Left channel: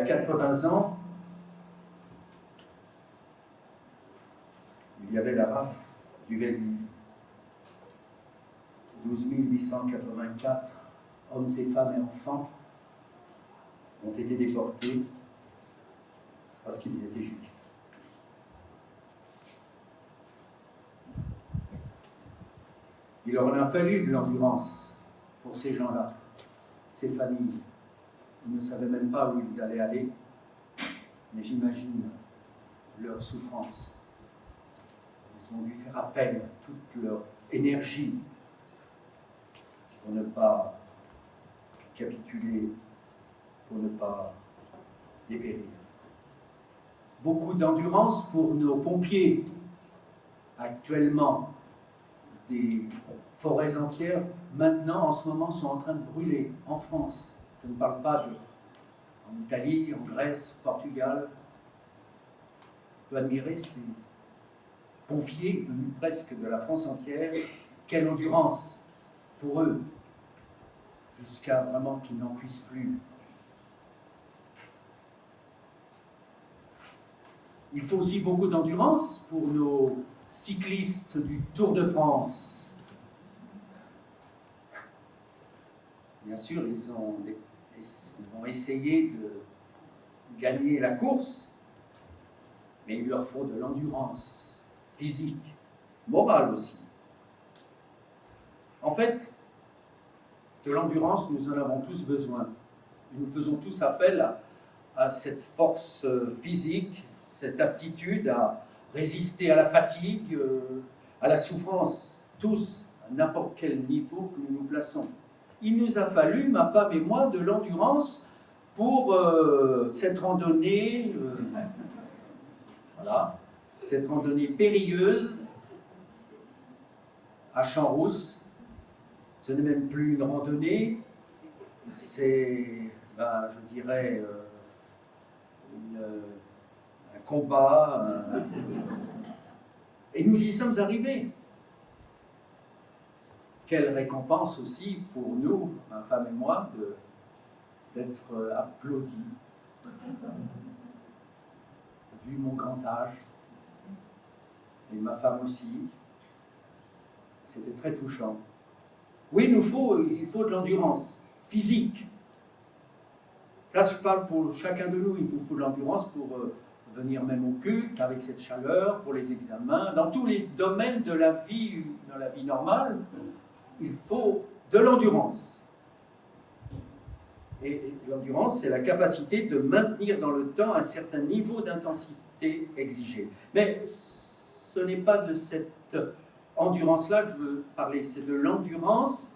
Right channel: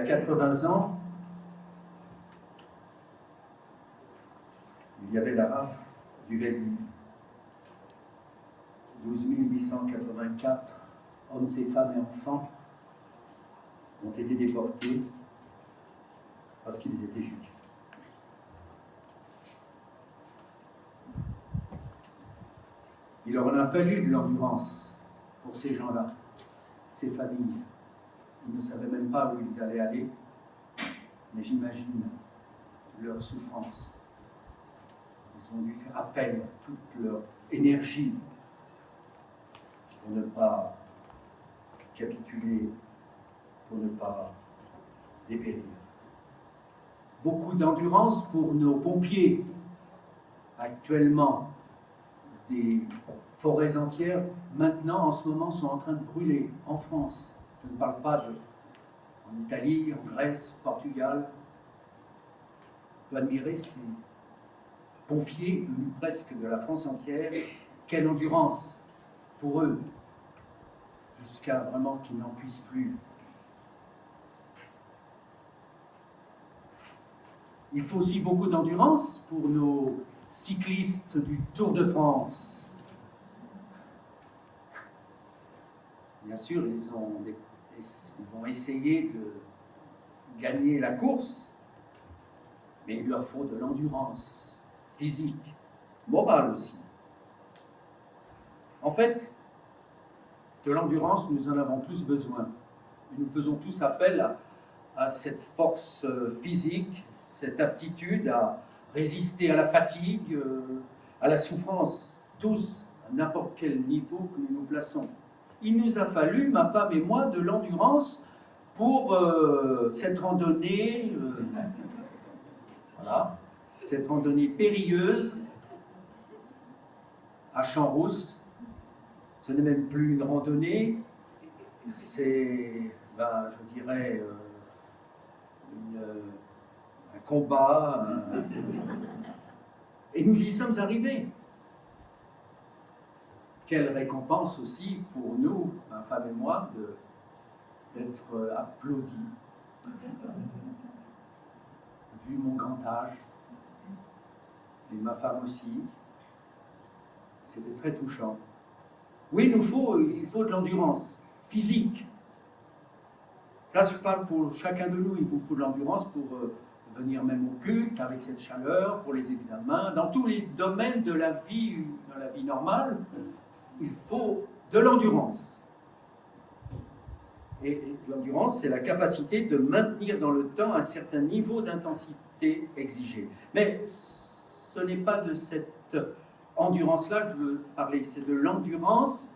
a 80 ans, il y avait la rafle du Veldiv. 12 884 hommes et femmes et enfants ont été déportés parce qu'ils étaient juifs. Il leur en a fallu de l'endurance pour ces gens-là, ces familles. Ils ne savaient même pas où ils allaient aller, mais j'imagine leur souffrance. Ils ont dû faire appel à toute leur énergie pour ne pas capituler, pour ne pas dépérir. Beaucoup d'endurance pour nos pompiers. Actuellement, des forêts entières, maintenant, en ce moment, sont en train de brûler en France. Je ne parle pas en Italie, en Grèce, Portugal. On peut admirer ces pompiers venus presque de la France entière. Quelle endurance pour eux, jusqu'à vraiment qu'ils n'en puissent plus. Il faut aussi beaucoup d'endurance pour nos cyclistes du Tour de France. Bien sûr, ils vont essayer de gagner la course, mais il leur faut de l'endurance physique, morale aussi. En fait, de l'endurance, nous en avons tous besoin. Nous faisons tous appel à cette force physique, cette aptitude à résister à la fatigue, à la souffrance, tous, à n'importe quel niveau que nous nous plaçons. Il nous a fallu, ma femme et moi, de l'endurance pour cette randonnée, voilà, cette randonnée périlleuse à Champs-Rousse. Ce n'est même plus une randonnée, c'est, je dirais, un combat. Et nous y sommes arrivés. Quelle récompense aussi pour nous, ma femme et moi, d'être applaudis. Vu mon grand âge, et ma femme aussi, c'était très touchant. Oui, il faut de l'endurance physique. Là, je parle pour chacun de nous, il vous faut de l'endurance pour venir même au culte avec cette chaleur, pour les examens, dans tous les domaines de la vie normale, il faut de l'endurance. Et l'endurance, c'est la capacité de maintenir dans le temps un certain niveau d'intensité exigé. Mais ce n'est pas de cette endurance-là que je veux parler, c'est de l'endurance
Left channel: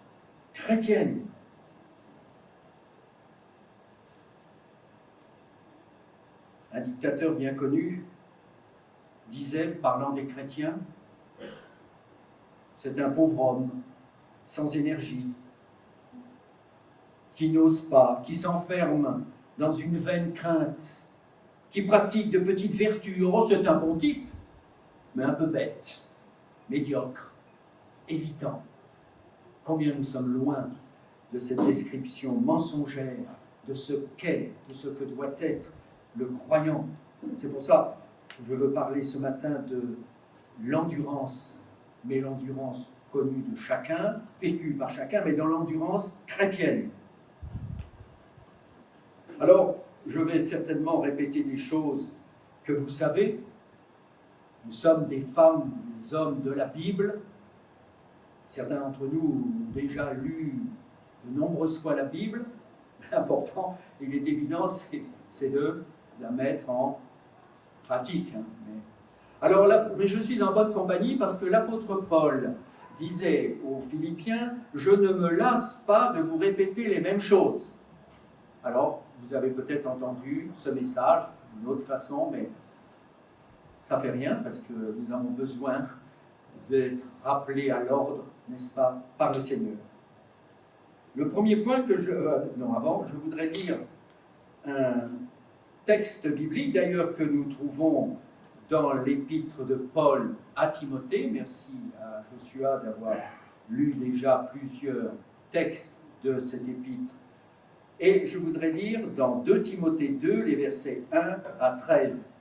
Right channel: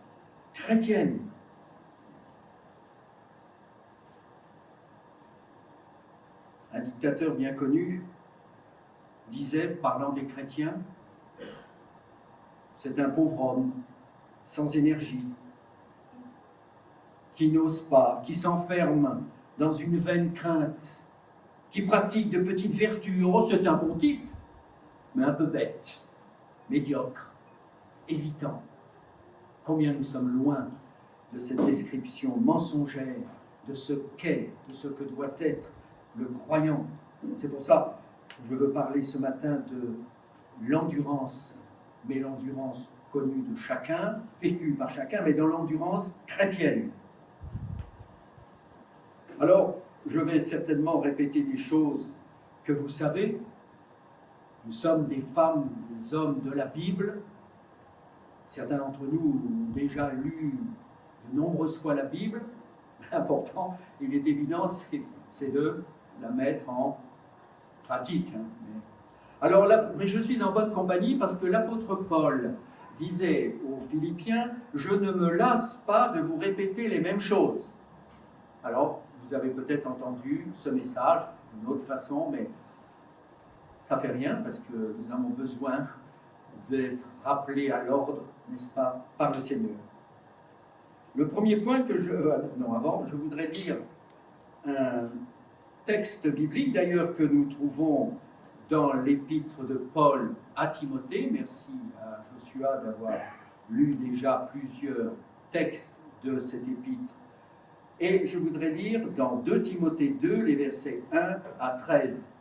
chrétienne. Un dictateur bien connu disait, parlant des chrétiens, c'est un pauvre homme, sans énergie, qui n'ose pas, qui s'enferme dans une vaine crainte, qui pratique de petites vertus. Oh, c'est un bon type, mais un peu bête, médiocre, hésitant. Combien nous sommes loin de cette description mensongère de ce qu'est, de ce que doit être le croyant. C'est pour ça que je veux parler ce matin de l'endurance, mais l'endurance connue de chacun, vécue par chacun, mais dans l'endurance chrétienne. Alors, je vais certainement répéter des choses que vous savez. Nous sommes des femmes, des hommes de la Bible. Certains d'entre nous ont déjà lu de nombreuses fois la Bible. L'important, il est évident, c'est de la mettre en pratique. Alors là, mais je suis en bonne compagnie parce que l'apôtre Paul disait aux Philippiens, « Je ne me lasse pas de vous répéter les mêmes choses. » Alors, vous avez peut-être entendu ce message d'une autre façon, mais ça ne fait rien parce que nous avons besoin d'être rappelés à l'ordre, n'est-ce pas, par le Seigneur. Le premier point que je voudrais lire un texte biblique, d'ailleurs, que nous trouvons dans l'épître de Paul à Timothée. Merci à Joshua d'avoir lu déjà plusieurs textes de cette épître Et je voudrais lire dans 2 Timothée 2, les versets 1 à 13.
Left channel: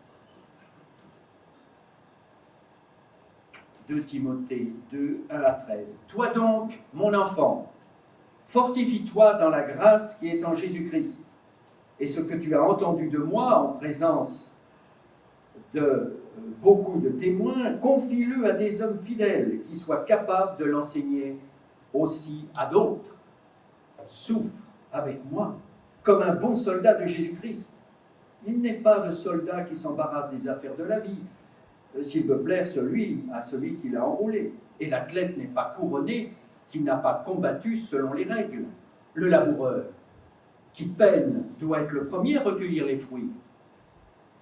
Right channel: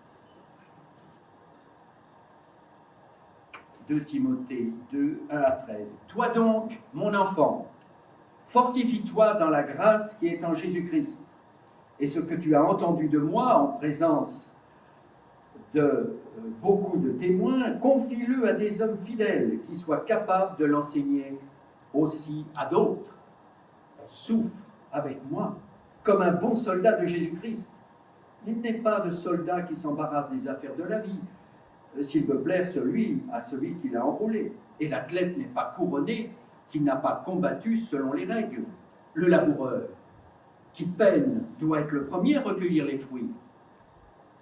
2 Timothée 2, 1 à 13. Toi donc, mon enfant, fortifie-toi dans la grâce qui est en Jésus-Christ. Et ce que tu as entendu de moi en présence de beaucoup de témoins, confie-le à des hommes fidèles qui soient capables de l'enseigner aussi à d'autres. Souffre avec moi, comme un bon soldat de Jésus-Christ. Il n'est pas de soldat qui s'embarrasse des affaires de la vie, s'il veut plaire à celui qui l'a enrôlé. Et l'athlète n'est pas couronné s'il n'a pas combattu selon les règles. Le laboureur, qui peine, doit être le premier à recueillir les fruits.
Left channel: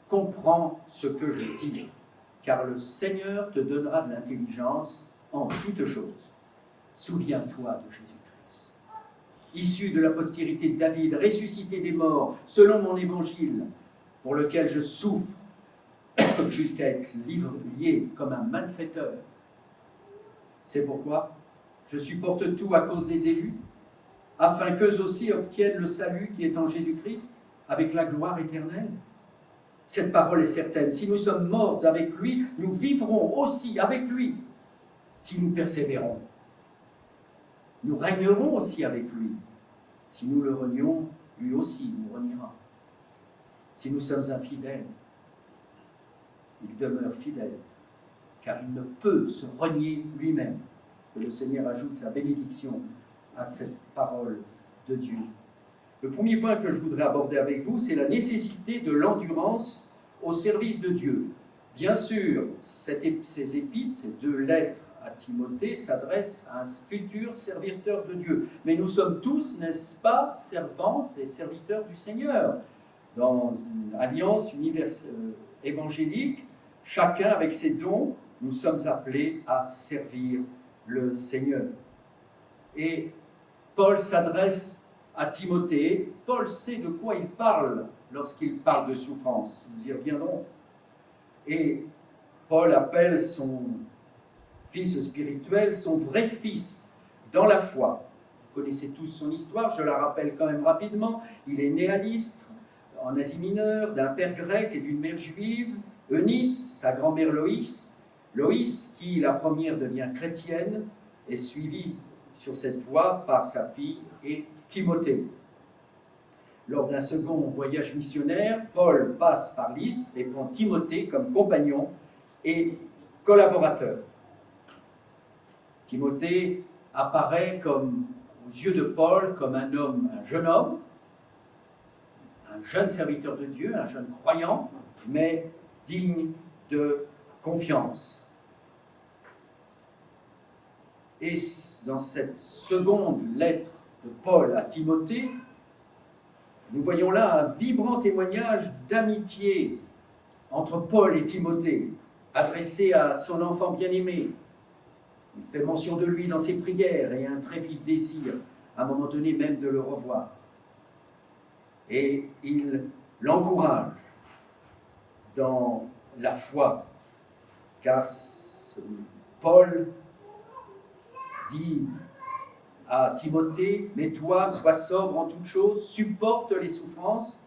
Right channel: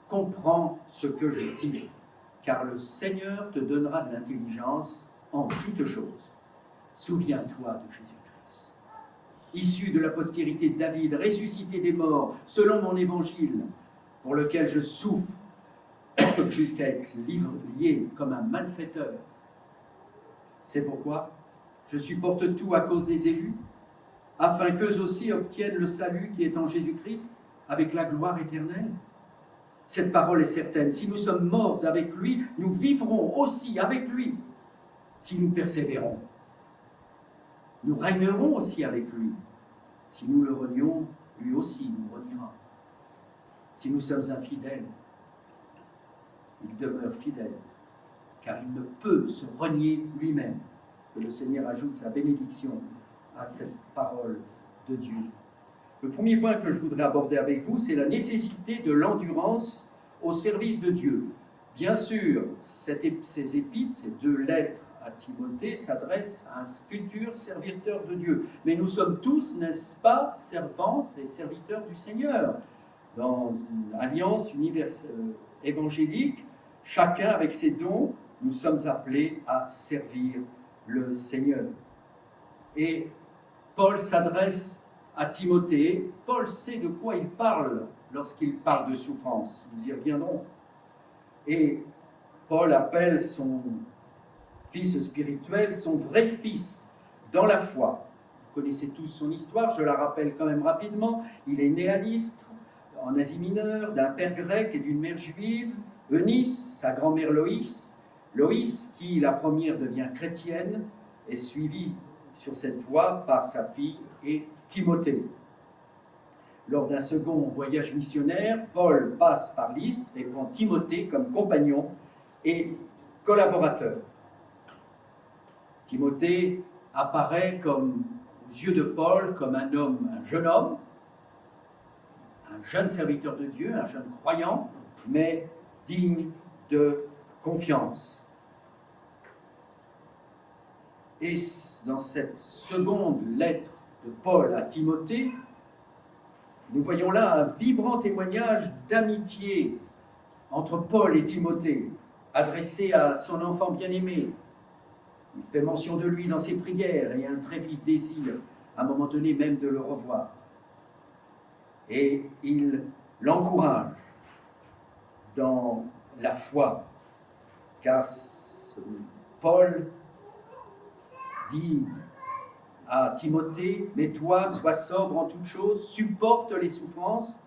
Comprends ce que je dis, car le Seigneur te donnera de l'intelligence en toutes choses. Souviens-toi de Jésus-Christ, issu de la postérité de David, ressuscité des morts, selon mon évangile, pour lequel je souffre jusqu'à être lié comme un malfaiteur. C'est pourquoi je supporte tout à cause des élus, afin qu'eux aussi obtiennent le salut qui est en Jésus-Christ, avec la gloire éternelle. Cette parole est certaine. Si nous sommes morts avec lui, nous vivrons aussi avec lui. Si nous persévérons, nous régnerons aussi avec lui. Si nous le renions, lui aussi nous reniera. Si nous sommes infidèles, il demeure fidèle, car il ne peut se renier lui-même. Que le Seigneur ajoute sa bénédiction à cette parole de Dieu. Le premier point que je voudrais aborder avec vous, c'est la nécessité de l'endurance au service de Dieu. Bien sûr, ces épîtres, ces 2 lettres à Timothée, s'adressent à un futur serviteur de Dieu. Mais nous sommes tous, n'est-ce pas, servantes et serviteurs du Seigneur. Dans une alliance évangélique, chacun avec ses dons, nous sommes appelés à servir le Seigneur. Et Paul s'adresse à Timothée. Paul sait de quoi il parle lorsqu'il parle de souffrance. Nous y reviendrons. Et Paul appelle son fils spirituel son vrai fils dans la foi. Vous connaissez tous son histoire, je la rappelle quand même rapidement. Il est né à Lystre, en Asie mineure, d'un père grec et d'une mère juive. Eunice, sa grand-mère Loïs, qui la première devient chrétienne, est suivie sur cette voie par sa fille et Timothée. Lors d'un second voyage missionnaire, Paul passe par Lystre et prend Timothée comme compagnon et collaborateur. Timothée apparaît aux yeux de Paul comme un jeune homme, un jeune serviteur de Dieu, un jeune croyant, mais digne de confiance. Et dans cette seconde lettre de Paul à Timothée, nous voyons là un vibrant témoignage d'amitié entre Paul et Timothée, adressé à son enfant bien-aimé. Il fait mention de lui dans ses prières et un très vif désir, à un moment donné même, de le revoir. Et il l'encourage dans la foi, car Paul dit à Timothée, « Mais toi, sois sobre en toutes choses, supporte les souffrances,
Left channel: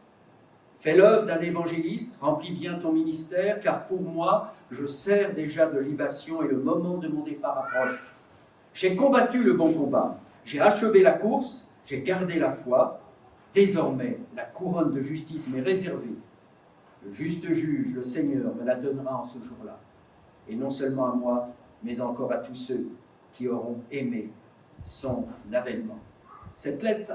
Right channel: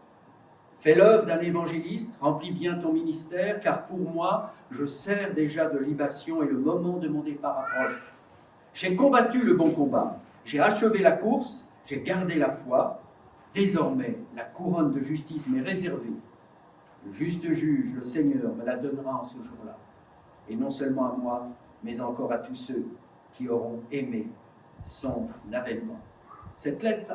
fais l'œuvre d'un évangéliste, remplis bien ton ministère, car pour moi, je sers déjà de libation et le moment de mon départ approche. J'ai combattu le bon combat, j'ai achevé la course, j'ai gardé la foi. Désormais, la couronne de justice m'est réservée. Le juste juge, le Seigneur, me la donnera en ce jour-là. Et non seulement à moi, mais encore à tous ceux qui auront aimé son avènement. » Cette lettre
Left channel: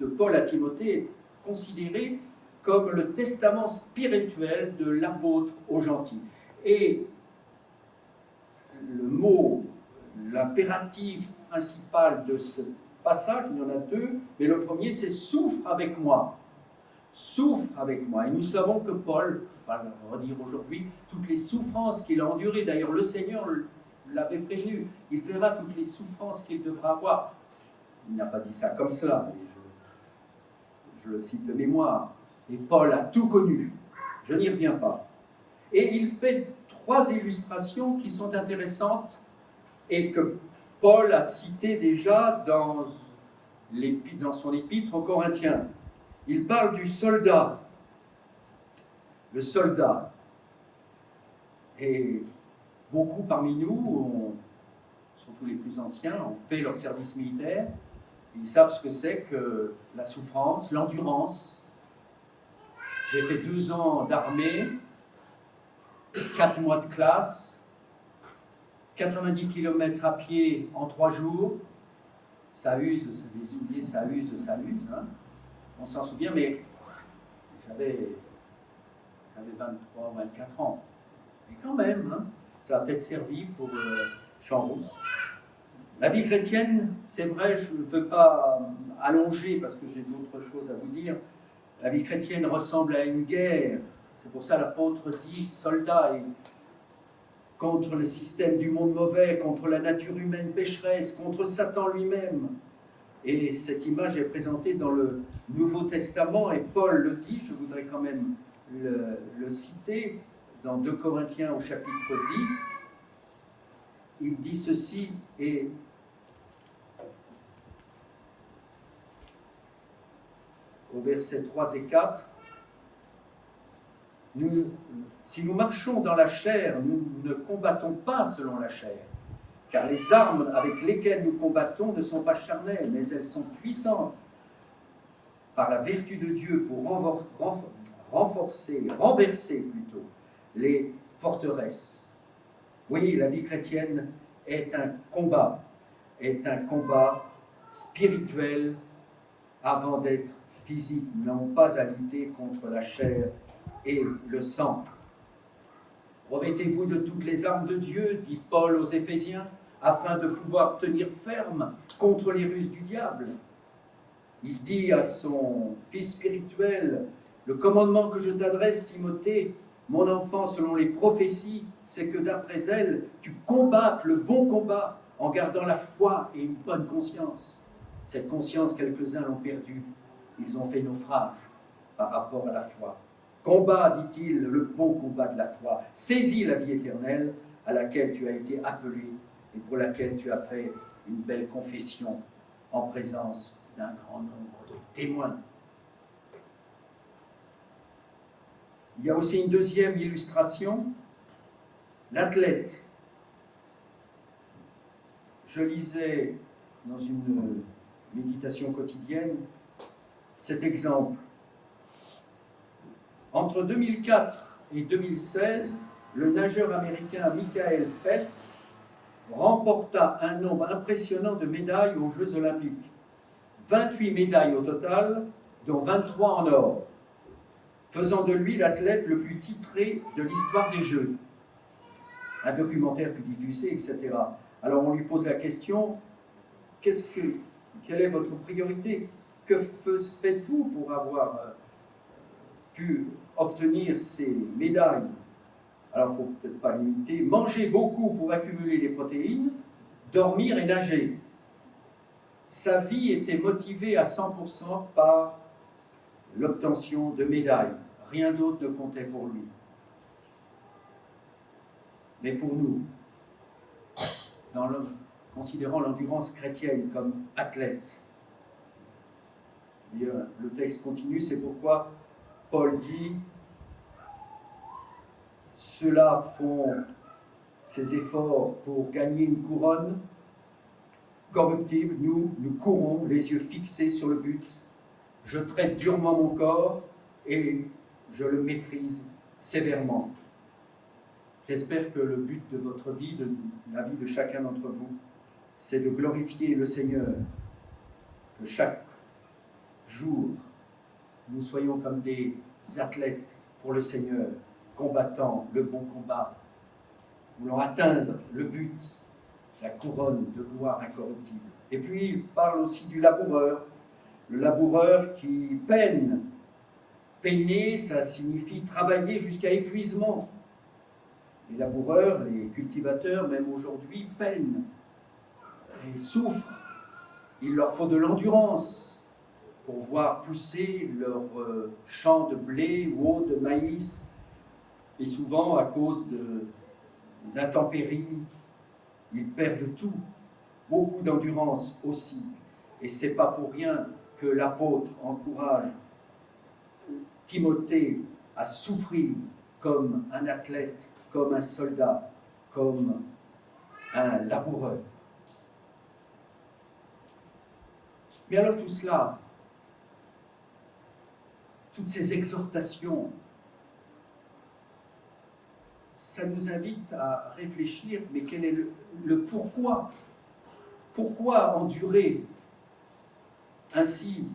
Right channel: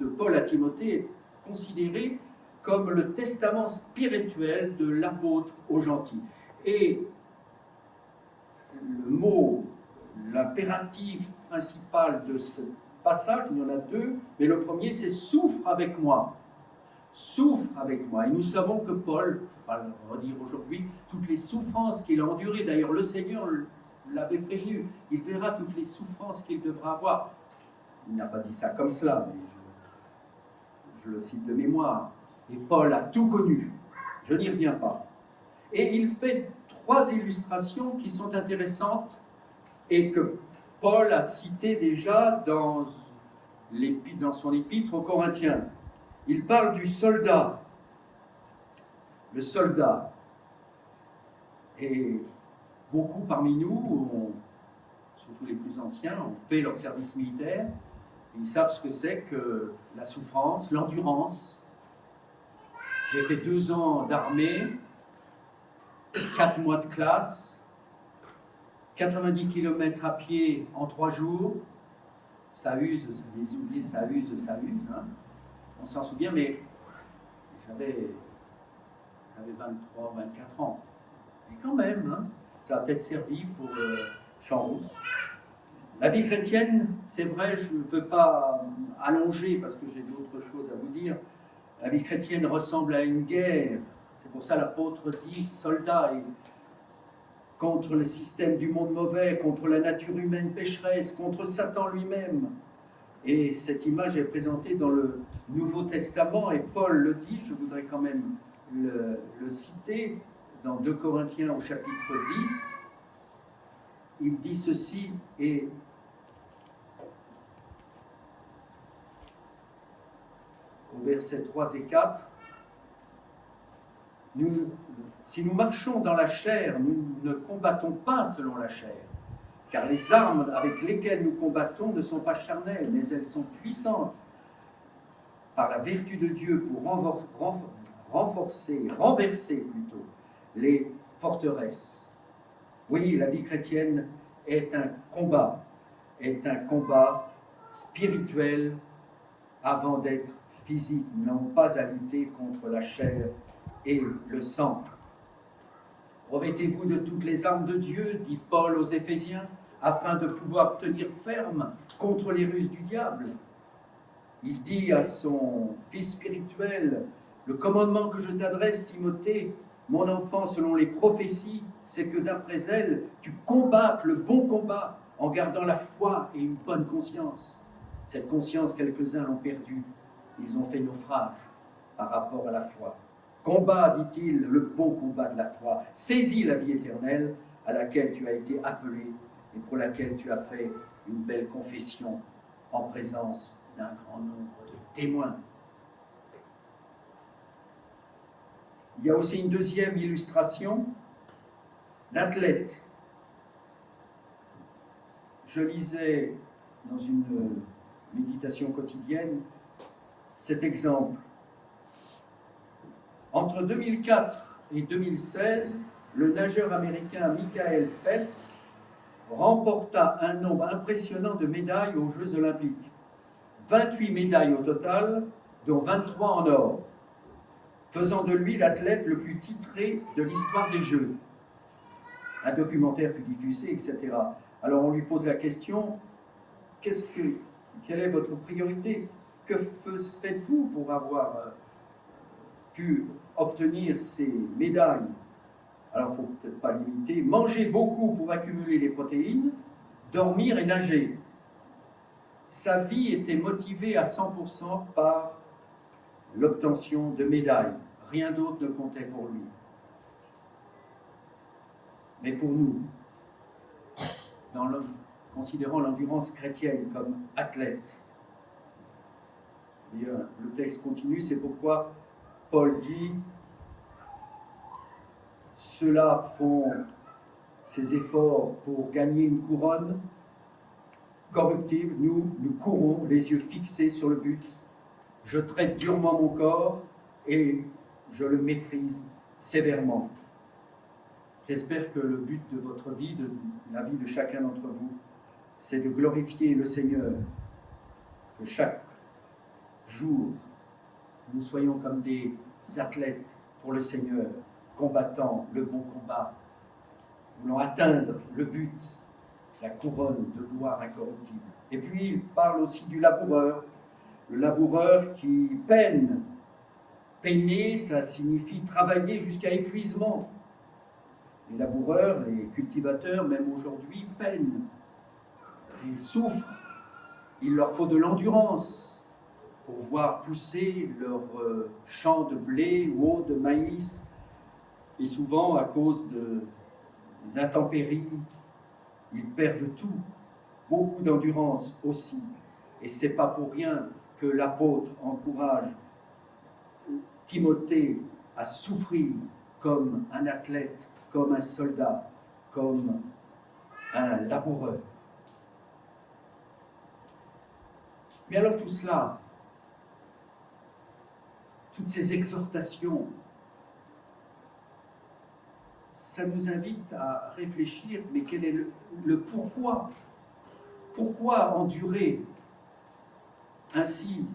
de Paul à Timothée est considérée comme le testament spirituel de l'apôtre aux gentils. Et le mot, l'impératif principal de ce passage, il y en a 2, mais le premier, c'est « souffre avec moi ». Souffre avec moi. Et nous savons que Paul, on va le redire aujourd'hui, toutes les souffrances qu'il a endurées, d'ailleurs le Seigneur l'avait prévenu, il verra toutes les souffrances qu'il devra avoir. Il n'a pas dit ça comme cela, mais je le cite de mémoire. Et Paul a tout connu, je n'y reviens pas. Et il fait 3 illustrations qui sont intéressantes et que Paul a citées déjà dans son épître aux Corinthiens. Il parle du soldat. Le soldat. Et beaucoup parmi nous, surtout les plus anciens, ont fait leur service militaire. Ils savent ce que c'est que la souffrance, l'endurance. J'ai fait 2 ans d'armée, 4 mois de classe, 90 km à pied en 3 jours. Ça use, les souliers, ça use. Hein. On s'en souvient, mais j'avais 23, 24 ans. Et quand même, hein, ça a peut-être servi pour Champs-Rousse. La vie chrétienne, c'est vrai, je ne veux pas allonger parce que j'ai d'autres choses à vous dire. La vie chrétienne ressemble à une guerre. C'est pour ça l'apôtre dit soldat contre le système du monde mauvais, contre la nature humaine pécheresse, contre Satan lui-même. Et cette image est présentée dans le Nouveau Testament, et Paul le dit, je voudrais quand même le citer, dans 2 Corinthiens au chapitre 10. Il dit ceci, et au verset 3 et 4, si nous marchons dans la chair, nous ne combattons pas selon la chair, car les armes avec lesquelles nous combattons ne sont pas charnelles, mais elles sont puissantes par la vertu de Dieu pour renverser plutôt les forteresses. Oui, la vie chrétienne est un combat spirituel avant d'être physique. Nous n'avons pas à lutter contre la chair et le sang. Revêtez-vous de toutes les armes de Dieu, dit Paul aux Éphésiens, afin de pouvoir tenir ferme contre les ruses du diable. Il dit à son fils spirituel, le commandement que je t'adresse, Timothée, mon enfant, selon les prophéties, c'est que d'après elles, tu combattes le bon combat en gardant la foi et une bonne conscience. Cette conscience, quelques-uns l'ont perdue. Ils ont fait naufrage par rapport à la foi. Combat, dit-il, le bon combat de la foi. Saisis la vie éternelle à laquelle tu as été appelé et pour laquelle tu as fait une belle confession en présence d'un grand nombre de témoins. Il y a aussi une deuxième illustration, l'athlète. Je lisais dans une méditation quotidienne cet exemple. Entre 2004 et 2016, le nageur américain Michael Phelps remporta un nombre impressionnant de médailles aux Jeux Olympiques. 28 médailles au total, dont 23 en or, faisant de lui l'athlète le plus titré de l'histoire des Jeux. Un documentaire fut diffusé, etc. Alors on lui pose la question, quelle est votre priorité? Que faites-vous pour avoir pu obtenir ces médailles? Alors il ne faut peut-être pas limiter. Manger beaucoup pour accumuler les protéines, dormir et nager. Sa vie était motivée à 100% par l'obtention de médailles. Rien d'autre ne comptait pour lui. Mais pour nous, considérant l'endurance chrétienne comme athlète, et le texte continue, c'est pourquoi Paul dit « Ceux-là font ces efforts pour gagner une couronne corruptible, nous courons les yeux fixés sur le but. Je traite durement mon corps et je le maîtrise sévèrement. » J'espère que le but de votre vie, de la vie de chacun d'entre vous, c'est de glorifier le Seigneur, que chaque jour, nous soyons comme des athlètes pour le Seigneur, combattant le bon combat, voulant atteindre le but, la couronne de gloire incorruptible. Et puis, il parle aussi du laboureur, le laboureur qui peine. Peiner, ça signifie travailler jusqu'à épuisement. Les laboureurs, les cultivateurs, même aujourd'hui, peinent et souffrent. Il leur faut de l'endurance pour voir pousser leurs champs de blé ou de maïs. Et souvent, à cause des intempéries, ils perdent tout. Beaucoup d'endurance aussi. Et ce n'est pas pour rien que l'apôtre encourage Timothée à souffrir comme un athlète, comme un soldat, comme un laboureur. Mais alors tout cela, toutes ces exhortations, ça nous invite à réfléchir, mais quel est le pourquoi? Pourquoi endurer ainsi?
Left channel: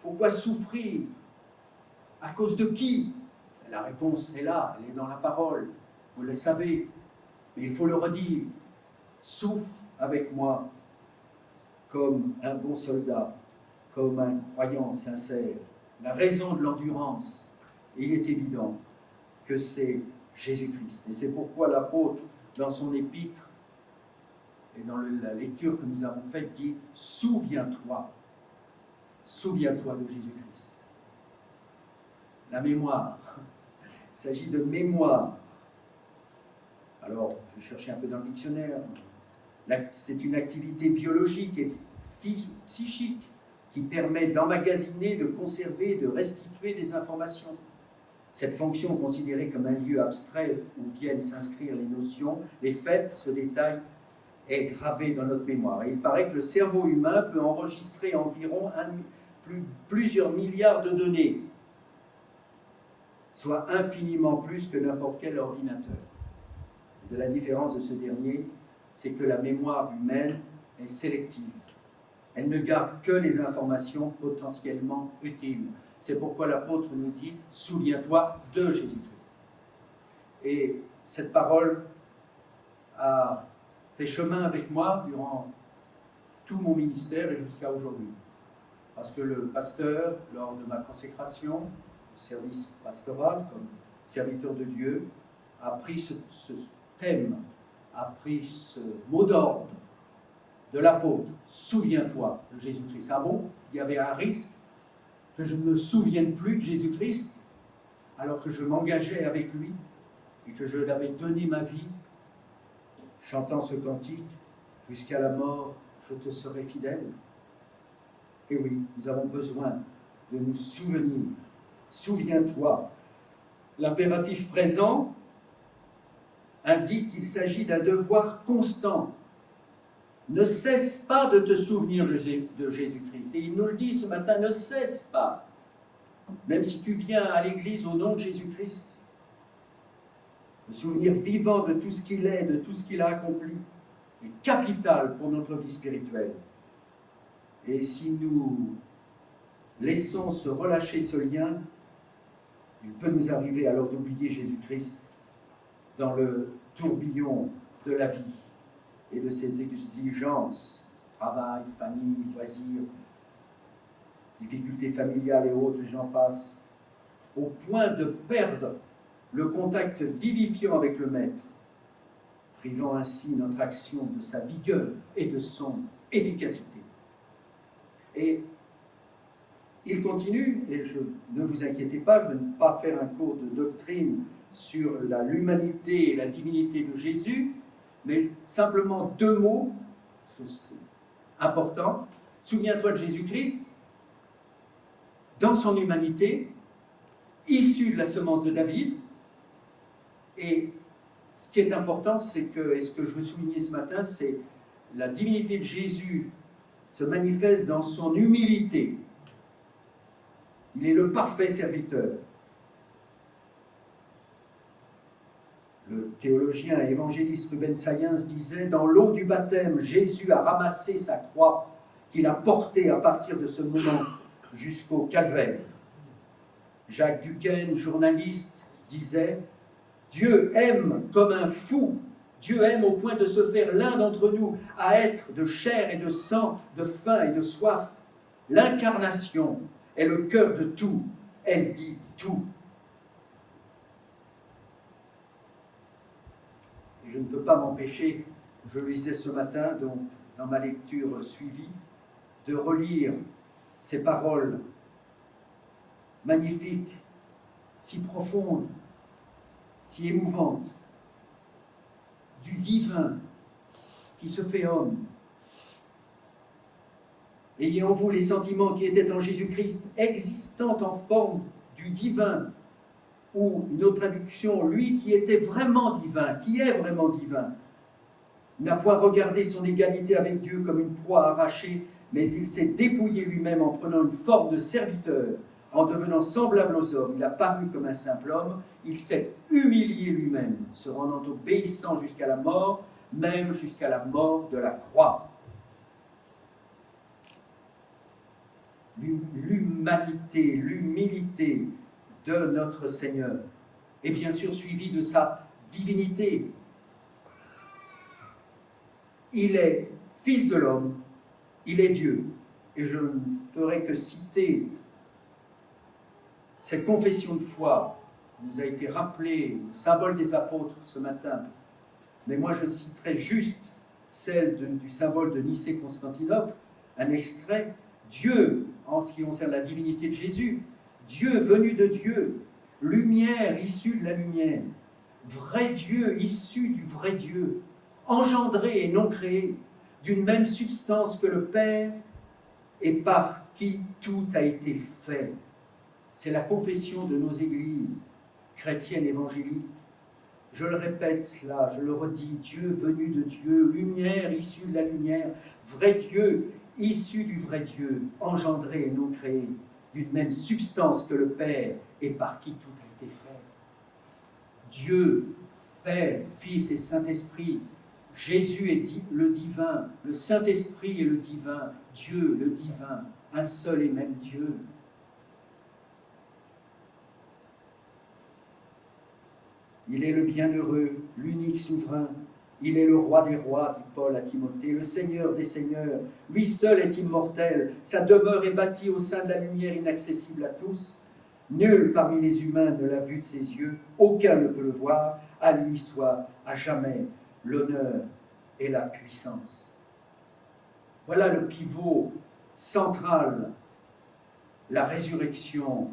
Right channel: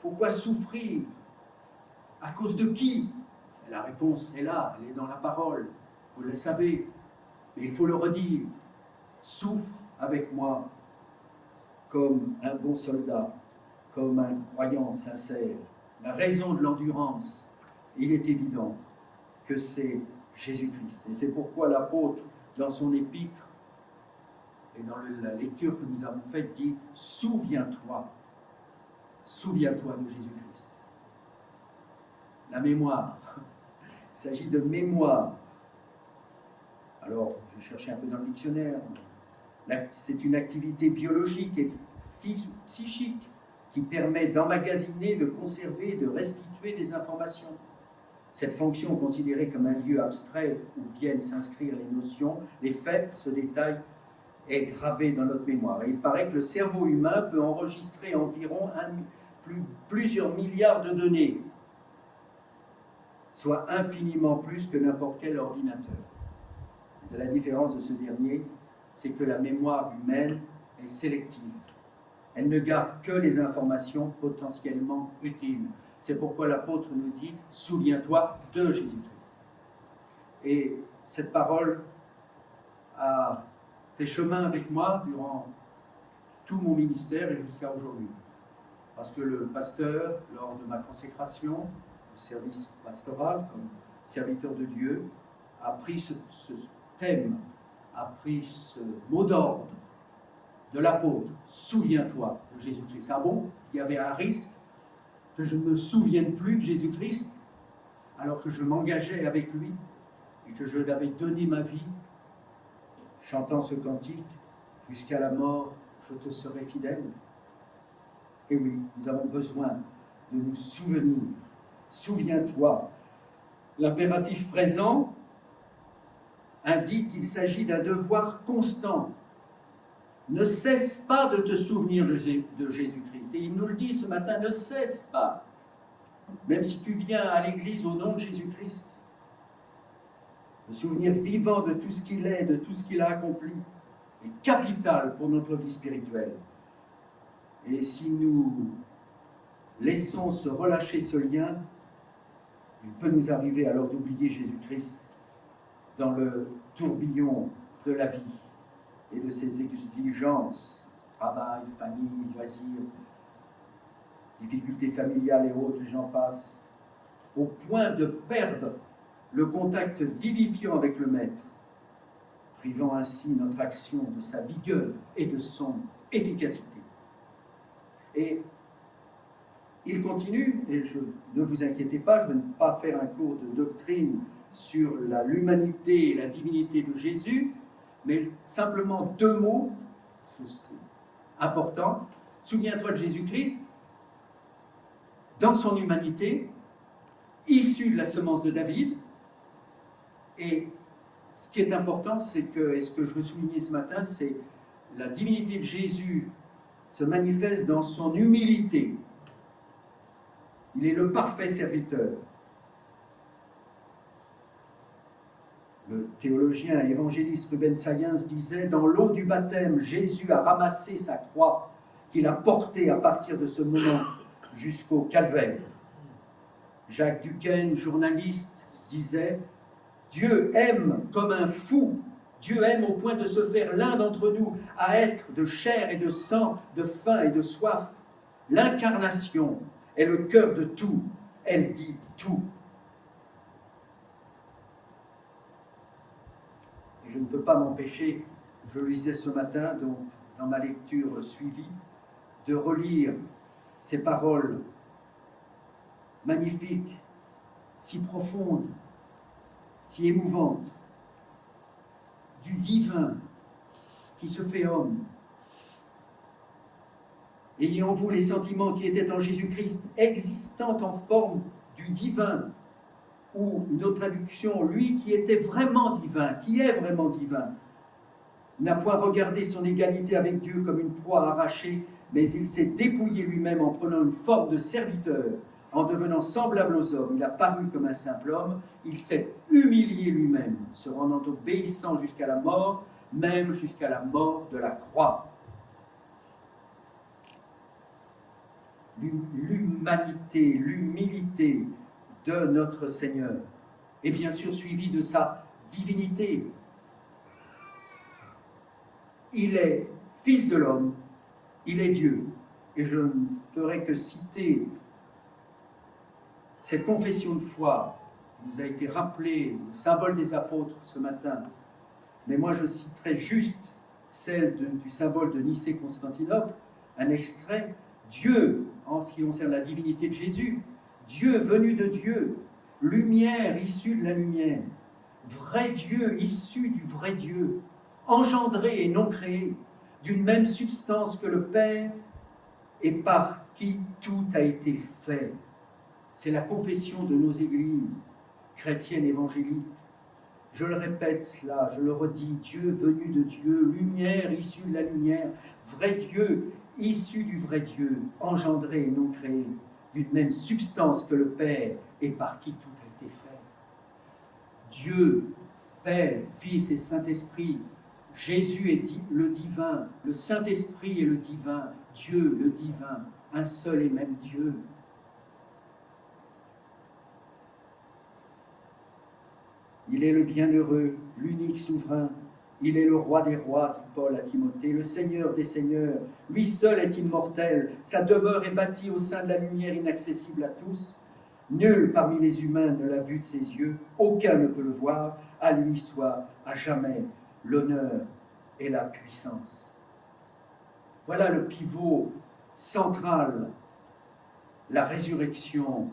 Pourquoi souffrir? À cause de qui? La réponse est là, elle est dans la parole, vous le savez, mais il faut le redire. Souffre avec moi comme un bon soldat, comme un croyant sincère. La raison de l'endurance, il est évident que c'est Jésus-Christ. Et c'est pourquoi l'apôtre, dans son épître, et dans la lecture que nous avons faite, dit « Souviens-toi de Jésus-Christ ». La mémoire, il s'agit de mémoire. Alors, j'ai cherché un peu dans le dictionnaire. C'est une activité biologique et psychique qui permet d'emmagasiner, de conserver, de restituer des informations. Cette fonction, considérée comme un lieu abstrait où viennent s'inscrire les notions, les faits, ce détail est gravé dans notre mémoire. Et il paraît que le cerveau humain peut enregistrer environ plusieurs milliards de données, soit infiniment plus que n'importe quel ordinateur. Mais la différence de ce dernier, c'est que la mémoire humaine est sélective. Elle ne garde que les informations potentiellement utiles. C'est pourquoi l'apôtre nous dit « Souviens-toi de Jésus-Christ ». Et cette parole a fait chemin avec moi durant tout mon ministère et jusqu'à aujourd'hui. Parce que le pasteur, lors de ma consécration au service pastoral, comme serviteur de Dieu, a pris ce thème, a pris ce mot d'ordre de l'apôtre, souviens-toi de Jésus-Christ. Ah bon, il y avait un risque que je ne me souvienne plus de Jésus-Christ, alors que je m'engageais avec lui et que je lui avais donné ma vie, chantant ce cantique, jusqu'à la mort, je te serai fidèle. Et oui, nous avons besoin de nous souvenir. Souviens-toi. L'impératif présent indique qu'il s'agit d'un devoir constant. Ne cesse pas de te souvenir de Jésus-Christ. Et il nous le dit ce matin, ne cesse pas. Même si tu viens à l'église au nom de Jésus-Christ, le souvenir vivant de tout ce qu'il est, de tout ce qu'il a accompli, est capital pour notre vie spirituelle. Et si nous laissons se relâcher ce lien, il peut nous arriver alors d'oublier Jésus-Christ dans le tourbillon de la vie et de ses exigences, travail, famille, loisirs, difficultés familiales et autres, et j'en passe, au point de perdre le contact vivifiant avec le Maître, privant ainsi notre action de sa vigueur et de son efficacité. Et il continue, et ne vous inquiétez pas, je ne vais pas faire un cours de doctrine sur l'humanité et la divinité de Jésus, mais simplement 2 mots, parce que c'est important. Souviens-toi de Jésus-Christ, dans son humanité, issu de la semence de David. Et ce qui est important, c'est que, et ce que je veux souligner ce matin, c'est la divinité de Jésus se manifeste dans son humilité. Il est le parfait serviteur. Le théologien et évangéliste Ruben Sayens disait « Dans l'eau du baptême, Jésus a ramassé sa croix qu'il a portée à partir de ce moment jusqu'au calvaire. » Jacques Duquesne, journaliste, disait « Dieu aime comme un fou. Dieu aime au point de se faire l'un d'entre nous, à être de chair et de sang, de faim et de soif. L'incarnation est le cœur de tout. Elle dit tout. » Et je ne peux pas m'empêcher, je le lisais ce matin, donc, dans ma lecture suivie, de relire ces paroles magnifiques, si profondes, si émouvantes, du divin qui se fait homme. Ayez en vous les sentiments qui étaient en Jésus-Christ, existant en forme du divin, ou une autre traduction, lui qui était vraiment divin, qui est vraiment divin, n'a point regardé son égalité avec Dieu comme une proie arrachée, mais il s'est dépouillé lui-même en prenant une forme de serviteur, en devenant semblable aux hommes. Il a paru comme un simple homme, il s'est humilié lui-même, se rendant obéissant jusqu'à la mort, même jusqu'à la mort de la croix. L'humanité, l'humilité de notre Seigneur est bien sûr suivie de sa divinité. Il est fils de l'homme, il est Dieu. Et je ne ferai que citer cette confession de foi qui nous a été rappelée, le symbole des apôtres ce matin. Mais moi je citerai juste celle du symbole de Nicée-Constantinople, un extrait. Dieu, en ce qui concerne la divinité de Jésus, Dieu venu de Dieu, lumière issue de la lumière, vrai Dieu issu du vrai Dieu, engendré et non créé, d'une même substance que le Père, et par qui tout a été fait. C'est la confession de nos églises chrétiennes évangéliques. Je le répète là, je le redis, Dieu venu de Dieu, lumière issue de la lumière, vrai Dieu, issu du vrai Dieu, engendré et non créé, d'une même substance que le Père, et par qui tout a été fait. Dieu, Père, Fils et Saint-Esprit, Jésus est le divin, le Saint-Esprit est le divin, Dieu le divin, un seul et même Dieu. Il est le bienheureux, l'unique souverain. Il est le roi des rois, dit Paul à Timothée, le Seigneur des seigneurs. Lui seul est immortel. Sa demeure est bâtie au sein de la lumière inaccessible à tous. Nul parmi les humains ne l'a vu de ses yeux. Aucun ne peut le voir. À lui soit à jamais l'honneur et la puissance. Voilà le pivot central, la résurrection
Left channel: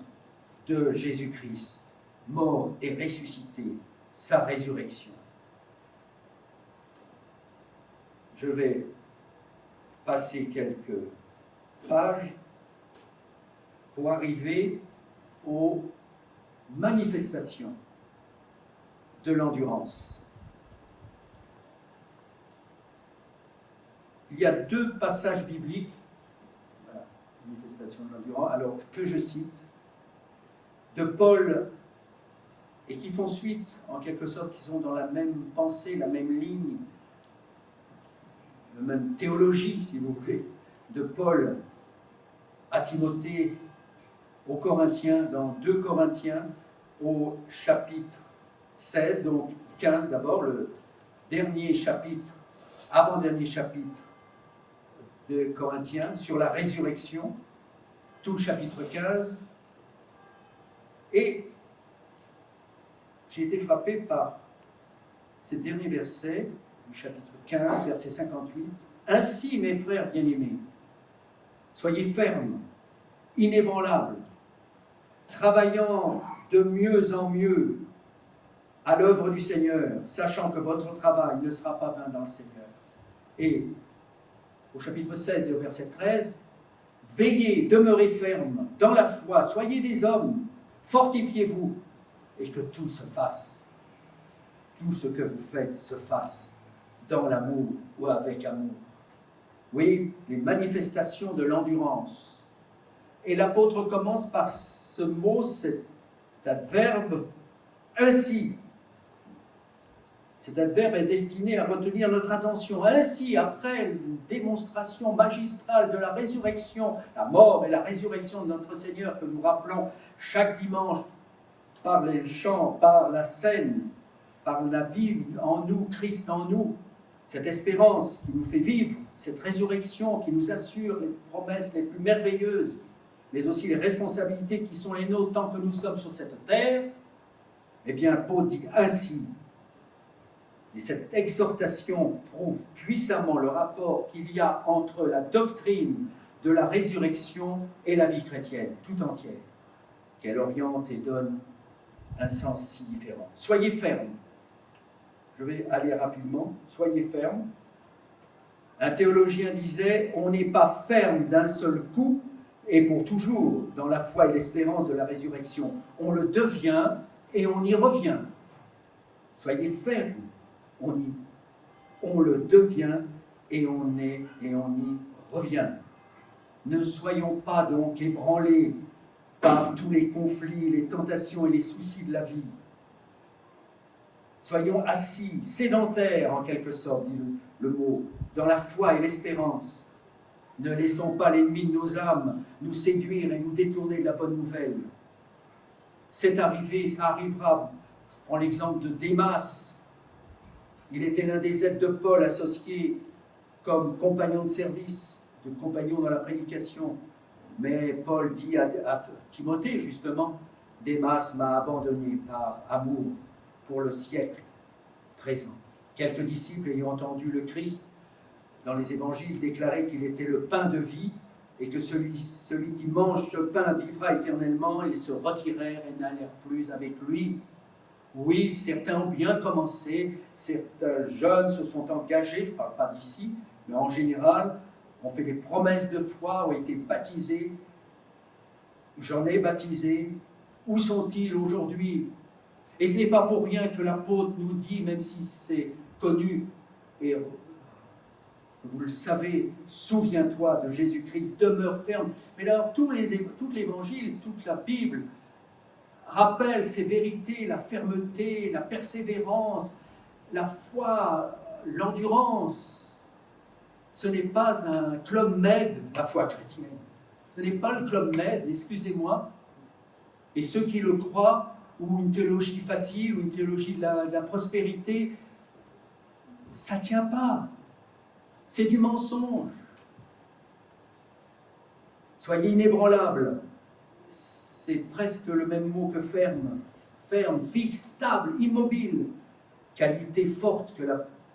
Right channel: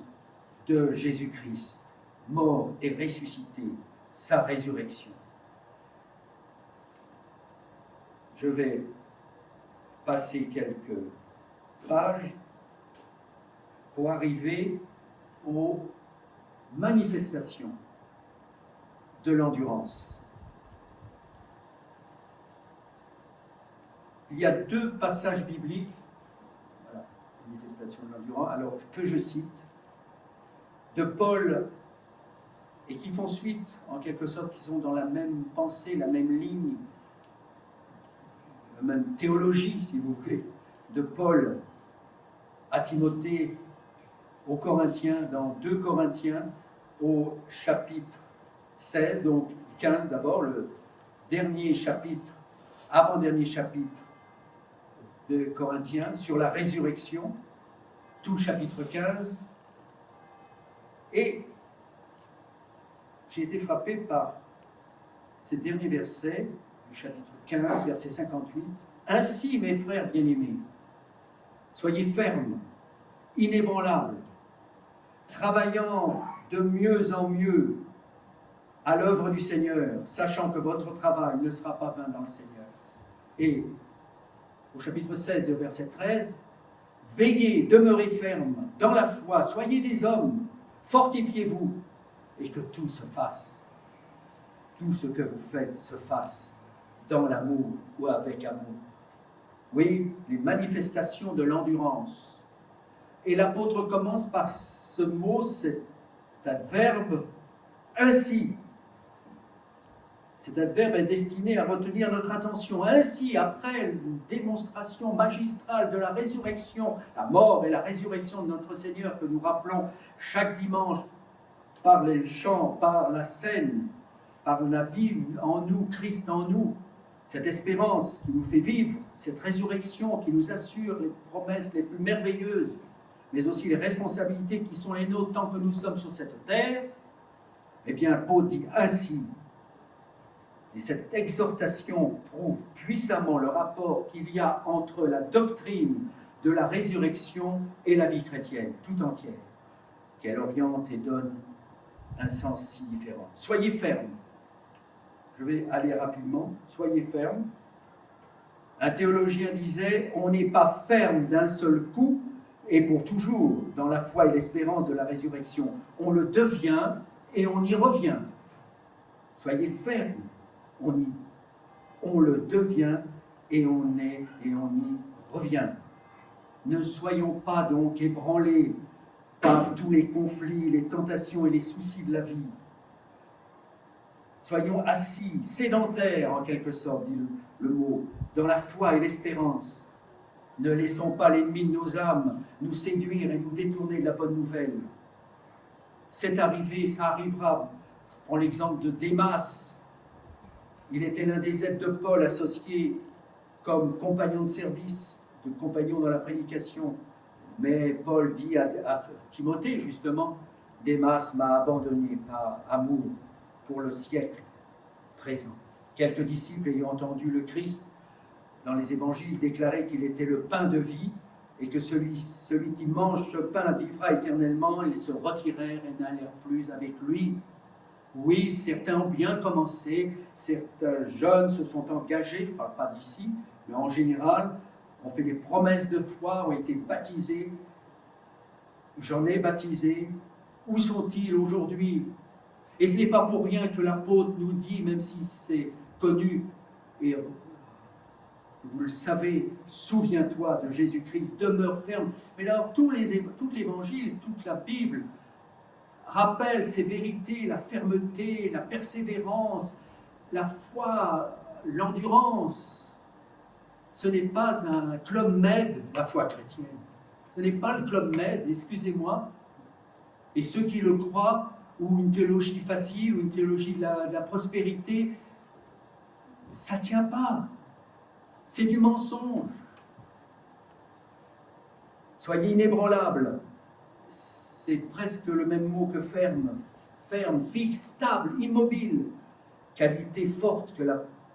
de Jésus-Christ, mort et ressuscité, sa résurrection. Je vais passer quelques pages pour arriver aux manifestations de l'endurance. Il y a deux passages bibliques, voilà, manifestation de l'endurance, alors que je cite, de Paul, et qui font suite, en quelque sorte, qui sont dans la même pensée, la même ligne, la même théologie, si vous voulez, de Paul à Timothée, aux Corinthiens, dans 2 Corinthiens, au chapitre 16, donc 15 d'abord, le dernier chapitre, avant-dernier chapitre de Corinthiens, sur la résurrection, tout le chapitre 15. Et j'ai été frappé par ces derniers versets du chapitre 15, verset 58. « Ainsi, mes frères bien-aimés, soyez fermes, inébranlables, travaillant de mieux en mieux à l'œuvre du Seigneur, sachant que votre travail ne sera pas vain dans le Seigneur. » Et au chapitre 16 et au verset 13, « Veillez, demeurez fermes dans la foi, soyez des hommes, fortifiez-vous, et que tout se fasse, tout ce que vous faites se fasse dans l'amour ou avec amour. » Oui, les manifestations de l'endurance. Et l'apôtre commence par ce mot, cet adverbe « ainsi ». Cet adverbe est destiné à retenir notre attention. Ainsi, après une démonstration magistrale de la résurrection, la mort et la résurrection de notre Seigneur que nous rappelons chaque dimanche par les chants, par la scène, par la vie en nous, Christ en nous, cette espérance qui nous fait vivre, cette résurrection qui nous assure les promesses les plus merveilleuses, mais aussi les responsabilités qui sont les nôtres tant que nous sommes sur cette terre, eh bien, Paul dit ainsi. Et cette exhortation prouve puissamment le rapport qu'il y a entre la doctrine de la résurrection et la vie chrétienne tout entière, qu'elle oriente et donne un sens si différent. Soyez fermes. Je vais aller rapidement. Soyez fermes. Un théologien disait « On n'est pas ferme d'un seul coup, et pour toujours dans la foi et l'espérance de la résurrection. On le devient et on y revient. Soyez fermes, on le devient et on y revient. Ne soyons pas donc ébranlés par tous les conflits, les tentations et les soucis de la vie. Soyons assis, sédentaires en quelque sorte, dit le mot, dans la foi et l'espérance. Ne laissons pas l'ennemi de nos âmes nous séduire et nous détourner de la bonne nouvelle. C'est arrivé, ça arrivera. Je prends l'exemple de Démas. Il était l'un des aides de Paul associé comme compagnon de service, de compagnon dans la prédication. Mais Paul dit à Timothée, justement, Démas m'a abandonné par amour pour le siècle présent. Quelques disciples ayant entendu le Christ dans les évangiles déclarer qu'il était le pain de vie et que celui qui mange ce pain vivra éternellement, ils se retirèrent et n'allèrent plus avec lui. Oui, certains ont bien commencé, certains jeunes se sont engagés, je ne parle pas d'ici, mais en général, ont fait des promesses de foi, ont été baptisés. J'en ai baptisé. Où sont-ils aujourd'hui? Et ce n'est pas pour rien que l'apôtre nous dit, même si c'est connu, et vous le savez, souviens-toi de Jésus-Christ, demeure ferme. Mais alors, tout l'Évangile, toute la Bible rappelle ces vérités, la fermeté, la persévérance, la foi, l'endurance. Ce n'est pas un club med, la foi chrétienne. Ce n'est pas le club med, excusez-moi. Et ceux qui le croient, ou une théologie facile, ou une théologie de la prospérité, ça ne tient pas. C'est du mensonge. Soyez inébranlables. C'est presque le même mot que ferme. Ferme, fixe, stable, immobile. Qualité forte,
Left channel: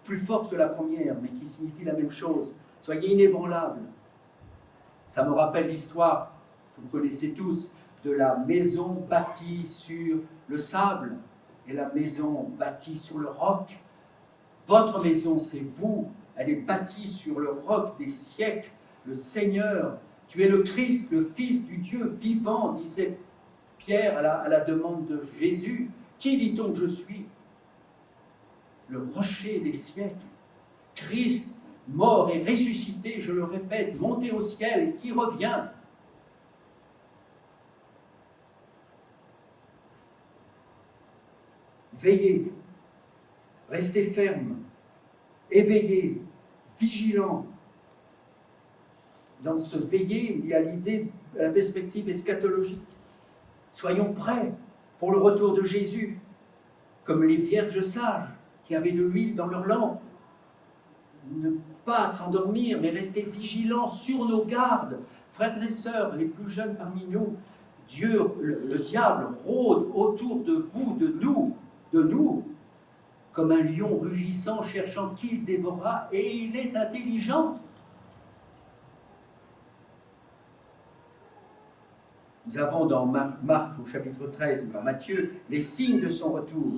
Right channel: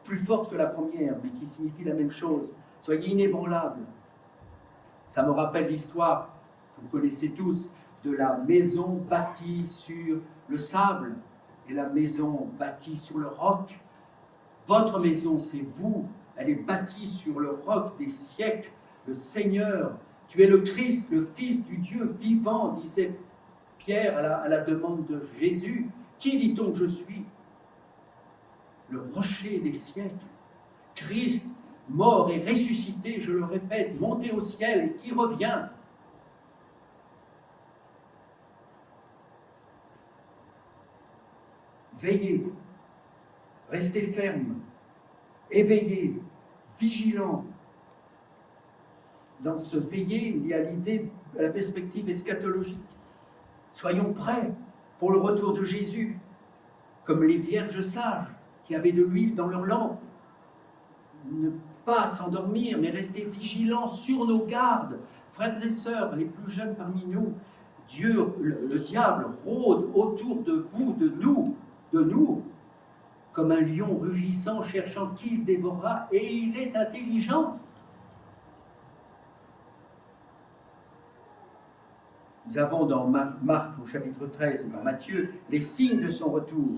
plus forte que la première, mais qui signifie la même chose. Soyez inébranlables. Ça me rappelle l'histoire que vous connaissez tous de la maison bâtie sur le sable et la maison bâtie sur le roc. Votre maison, c'est vous. Elle est bâtie sur le roc des siècles, le Seigneur. Tu es le Christ, le Fils du Dieu vivant, disait Pierre à la demande de Jésus. Qui dit-on que je suis? Le rocher des siècles. Christ, mort et ressuscité, je le répète, monté au ciel et qui revient. Veillez, restez fermes, éveillés, vigilants. Dans ce veiller, il y a l'idée, la perspective eschatologique. Soyons prêts pour le retour de Jésus, comme les vierges sages qui avaient de l'huile dans leur lampe. Ne pas s'endormir, mais rester vigilants sur nos gardes. Frères et sœurs, les plus jeunes parmi nous, Dieu, le diable, rôde autour de vous, de nous, comme un lion rugissant, cherchant qui il dévorera, et il est intelligent. Nous avons dans Marc au chapitre 13, dans Matthieu, les signes de son retour.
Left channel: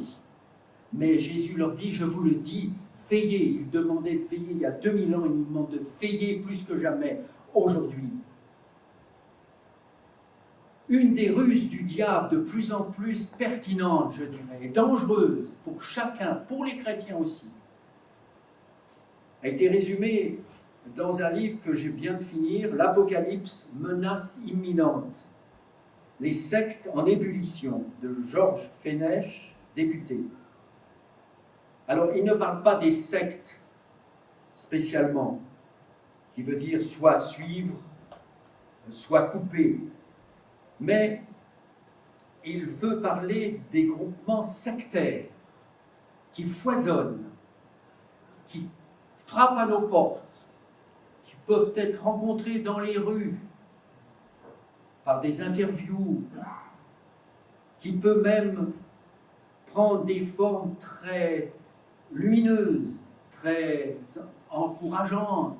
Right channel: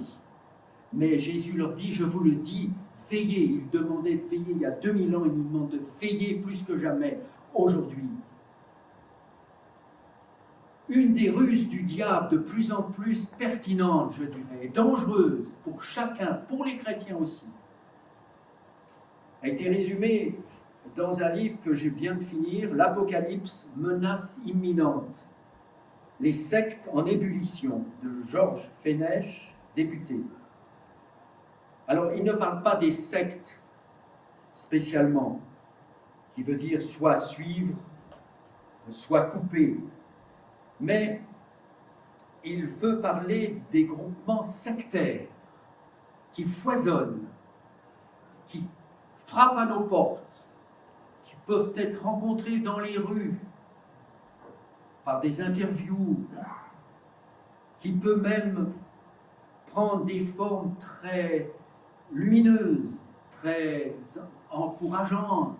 Mais Jésus leur dit, je vous le dis, veillez. Il demandait de veiller il y a 2000 ans, il nous demande de veiller plus que jamais aujourd'hui. Une des ruses du diable de plus en plus pertinente, je dirais, dangereuse pour chacun, pour les chrétiens aussi, a été résumée dans un livre que je viens de finir, L'Apocalypse, menace imminente. Les sectes en ébullition, de Georges Fenech, député. Alors, il ne parle pas des sectes spécialement, qui veut dire soit suivre, soit couper, mais il veut parler des groupements sectaires qui foisonnent, qui frappent à nos portes, qui peuvent être rencontrés dans les rues, par des interviews, qui peut même prendre des formes très lumineuses, très encourageantes,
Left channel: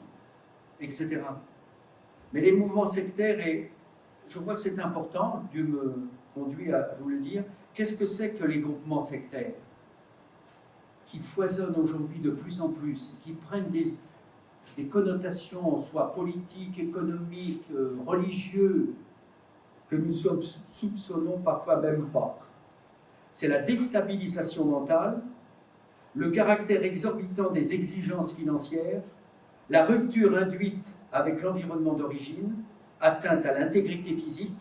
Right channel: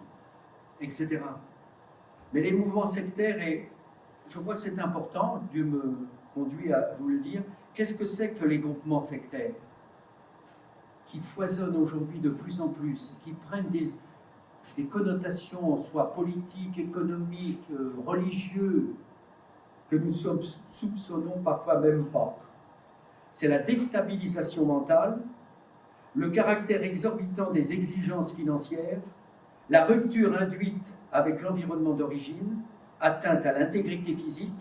etc. Mais les mouvements sectaires, et je crois que c'est important, Dieu me conduit à vous le dire, qu'est-ce que c'est que les groupements sectaires qui foisonnent aujourd'hui de plus en plus, qui prennent des connotations, soit politiques, économiques, religieuses, que nous soupçonnons parfois même pas. C'est la déstabilisation mentale, le caractère exorbitant des exigences financières, la rupture induite avec l'environnement d'origine, atteinte à l'intégrité physique,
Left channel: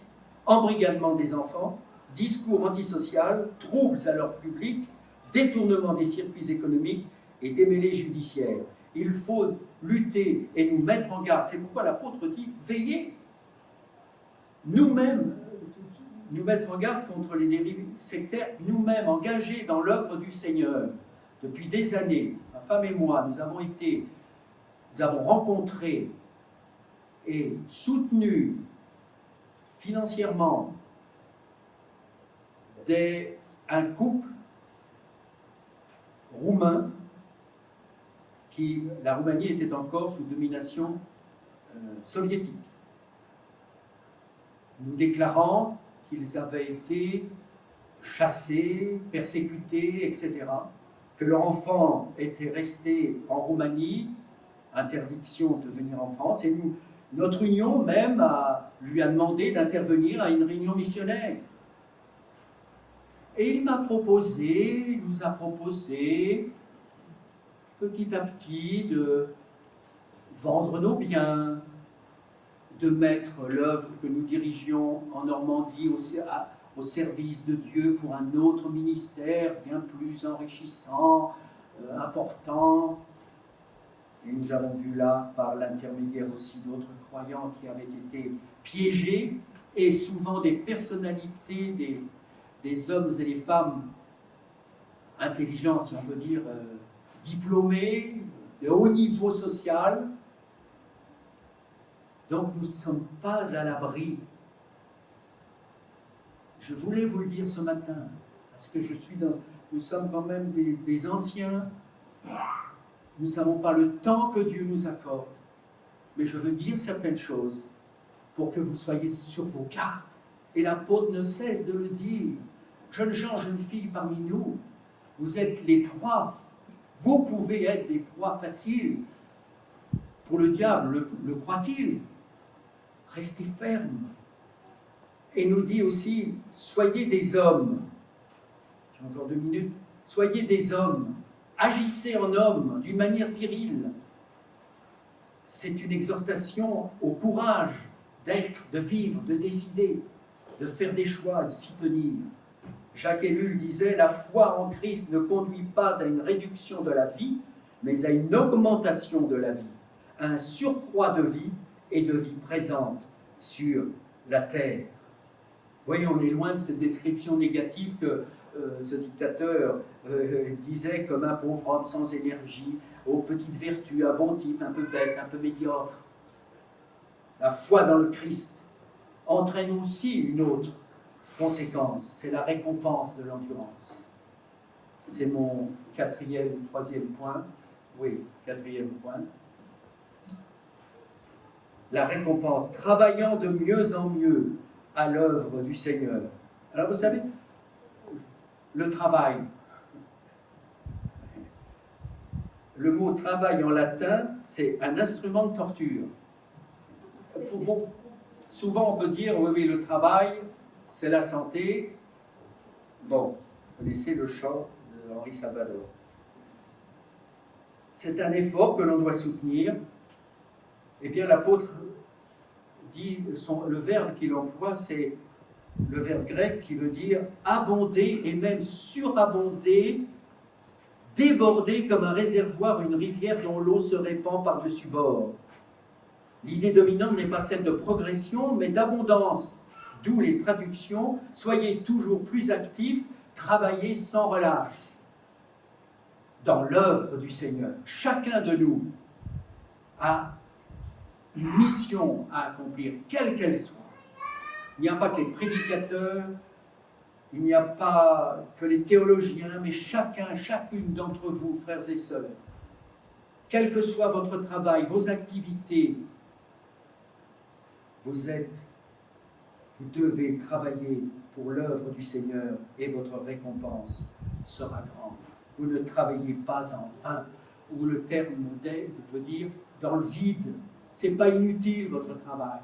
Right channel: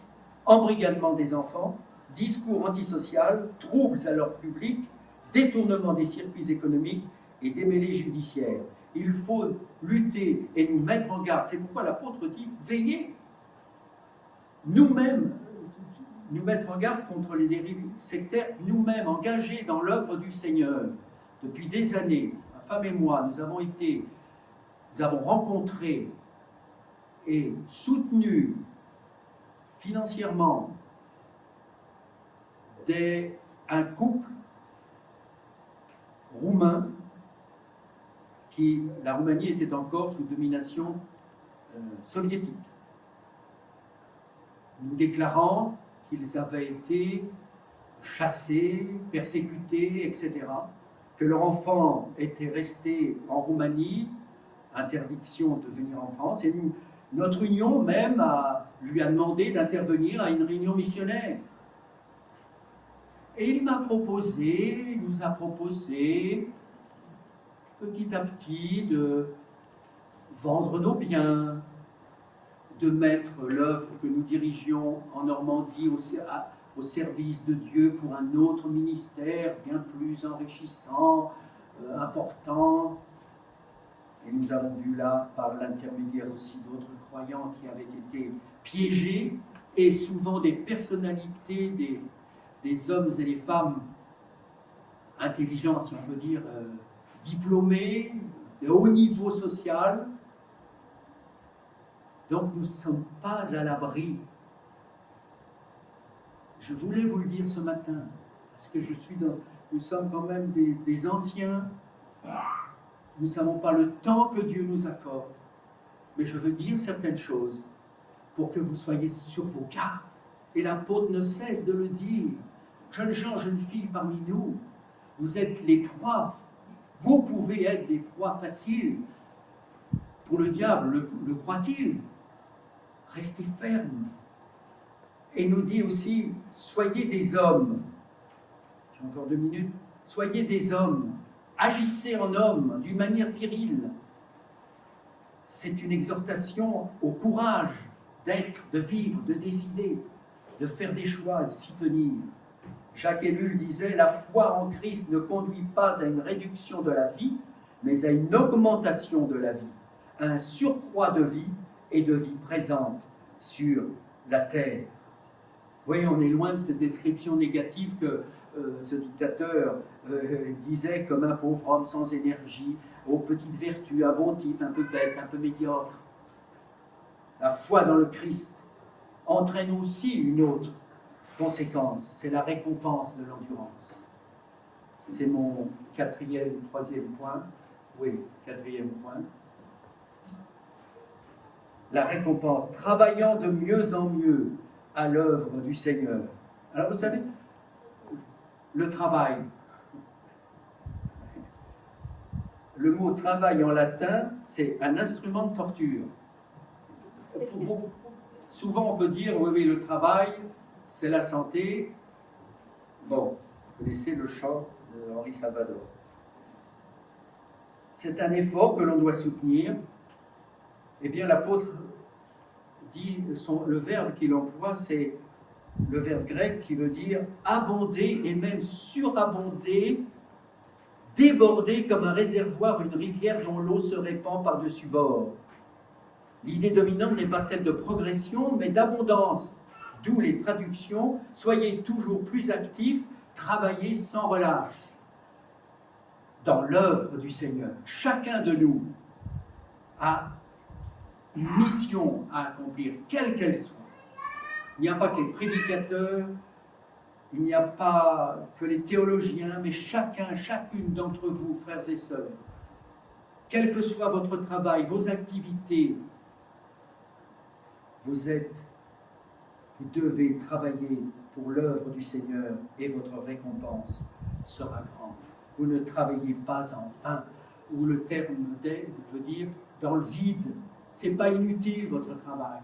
embrigadement des enfants, discours antisocial, troubles à l'ordre public, détournement des circuits économiques et démêlés judiciaires. Il faut lutter et nous mettre en garde. C'est pourquoi l'apôtre dit « Veillez ». Nous-mêmes, nous mettre en garde contre les dérives sectaires, nous-mêmes engagés dans l'œuvre du Seigneur. Depuis des années, ma femme et moi, nous avons rencontré et soutenu financièrement un couple roumain la Roumanie était encore sous domination soviétique. Nous déclarant qu'ils avaient été chassés, persécutés, etc., que leur enfant était resté en Roumanie, interdiction de venir en France, et notre union même lui a demandé d'intervenir à une réunion missionnaire. Et il nous a proposé, petit à petit, de vendre nos biens, de mettre l'œuvre que nous dirigions en Normandie au service de Dieu pour un autre ministère bien plus enrichissant, important. Et nous avons vu là, par l'intermédiaire aussi d'autres croyants qui avaient été piégés, et souvent des personnalités, des hommes et des femmes intelligents, si on peut dire, diplômés, de haut niveau social. Donc nous ne sommes pas à l'abri. Je voulais vous le dire ce matin, parce que nous sommes quand même des anciens. Nous ne savons pas le temps que Dieu nous accorde, mais je veux dire certaines choses pour que vous soyez sur vos gardes. Et l'apôtre ne cesse de le dire. Jeunes gens, jeunes filles parmi nous, vous êtes les proies. Vous pouvez être des proies faciles pour le diable, le croit-il. Restez fermes. Et nous dit aussi, soyez des hommes. J'ai encore 2 minutes. Soyez des hommes. Agissez en homme d'une manière virile. C'est une exhortation au courage d'être, de vivre, de décider, de faire des choix, de s'y tenir. Jacques Ellul disait « La foi en Christ ne conduit pas à une réduction de la vie, mais à une augmentation de la vie, à un surcroît de vie et de vie présente sur la terre. » Vous voyez, on est loin de cette description négative que ce dictateur disait comme un pauvre homme sans énergie, aux petites vertus, un bon type, un peu bête, un peu médiocre. La foi dans le Christ entraîne aussi une autre conséquence, c'est la récompense de l'endurance. C'est mon troisième point. Oui, 4e point. La récompense, travaillant de mieux en mieux à l'œuvre du Seigneur. Alors vous savez, le travail, le mot travail en latin, c'est un instrument de torture. Souvent on peut dire, oui, le travail, c'est la santé. Bon, vous connaissez le chant de Henri Salvador. C'est un effort que l'on doit soutenir. Eh bien, l'apôtre dit, le verbe qu'il emploie, c'est le verbe grec qui veut dire abonder et même surabonder, déborder comme un réservoir, une rivière dont l'eau se répand par-dessus bord. L'idée dominante n'est pas celle de progression, mais d'abondance. D'où les traductions « Soyez toujours plus actifs, travaillez sans relâche » dans l'œuvre du Seigneur. Chacun de nous a une mission à accomplir, quelle qu'elle soit. Il n'y a pas que les prédicateurs, il n'y a pas que les théologiens, mais chacune d'entre vous, frères et sœurs, quel que soit votre travail, vos activités, vous devez travailler pour l'œuvre du Seigneur et votre récompense sera grande. Vous ne travaillez pas en vain, ou le terme veut dire dans le vide. Ce n'est pas inutile votre travail.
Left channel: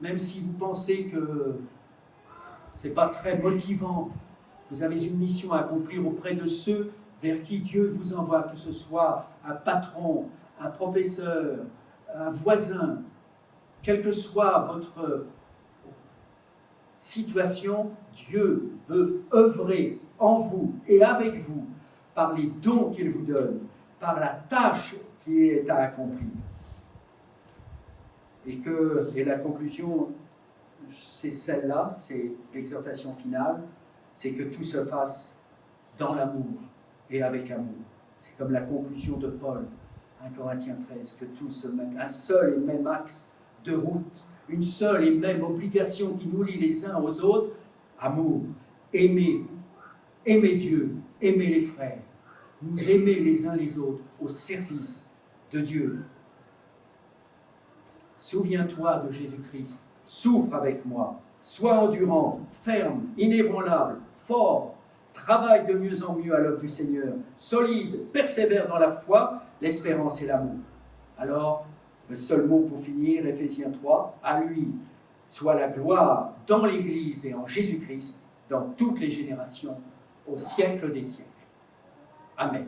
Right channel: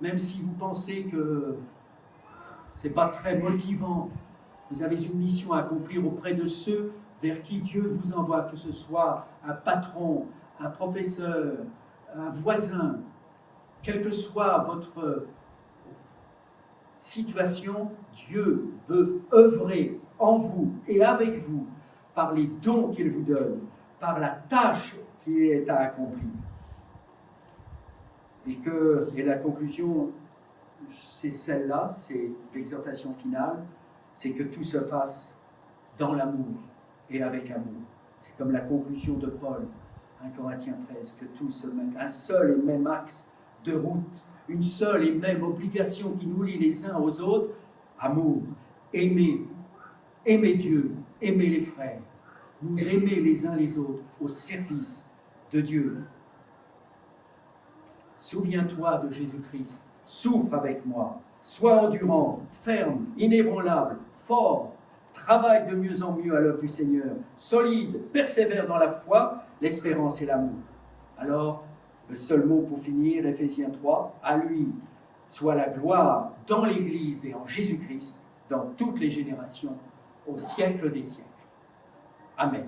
Même si vous pensez que ce n'est pas très motivant, vous avez une mission à accomplir auprès de ceux vers qui Dieu vous envoie, que ce soit un patron, un professeur, un voisin, quelle que soit votre situation, Dieu veut œuvrer en vous et avec vous par les dons qu'il vous donne, par la tâche qui est à accomplir. Et la conclusion, c'est celle-là, c'est l'exhortation finale, c'est que tout se fasse dans l'amour et avec amour. C'est comme la conclusion de Paul, 1 Corinthiens 13, que tout se mette, un seul et même axe de route, une seule et même obligation qui nous lie les uns aux autres, amour, aimer Dieu, aimer les frères, nous aimer les uns les autres au service de Dieu. Souviens-toi de Jésus-Christ, souffre avec moi, sois endurant, ferme, inébranlable, fort, travaille de mieux en mieux à l'œuvre du Seigneur, solide, persévère dans la foi, l'espérance et l'amour. Alors, le seul mot pour finir, Éphésiens 3, à lui soit la gloire dans l'Église et en Jésus-Christ, dans toutes les générations, au siècle des siècles. Amen.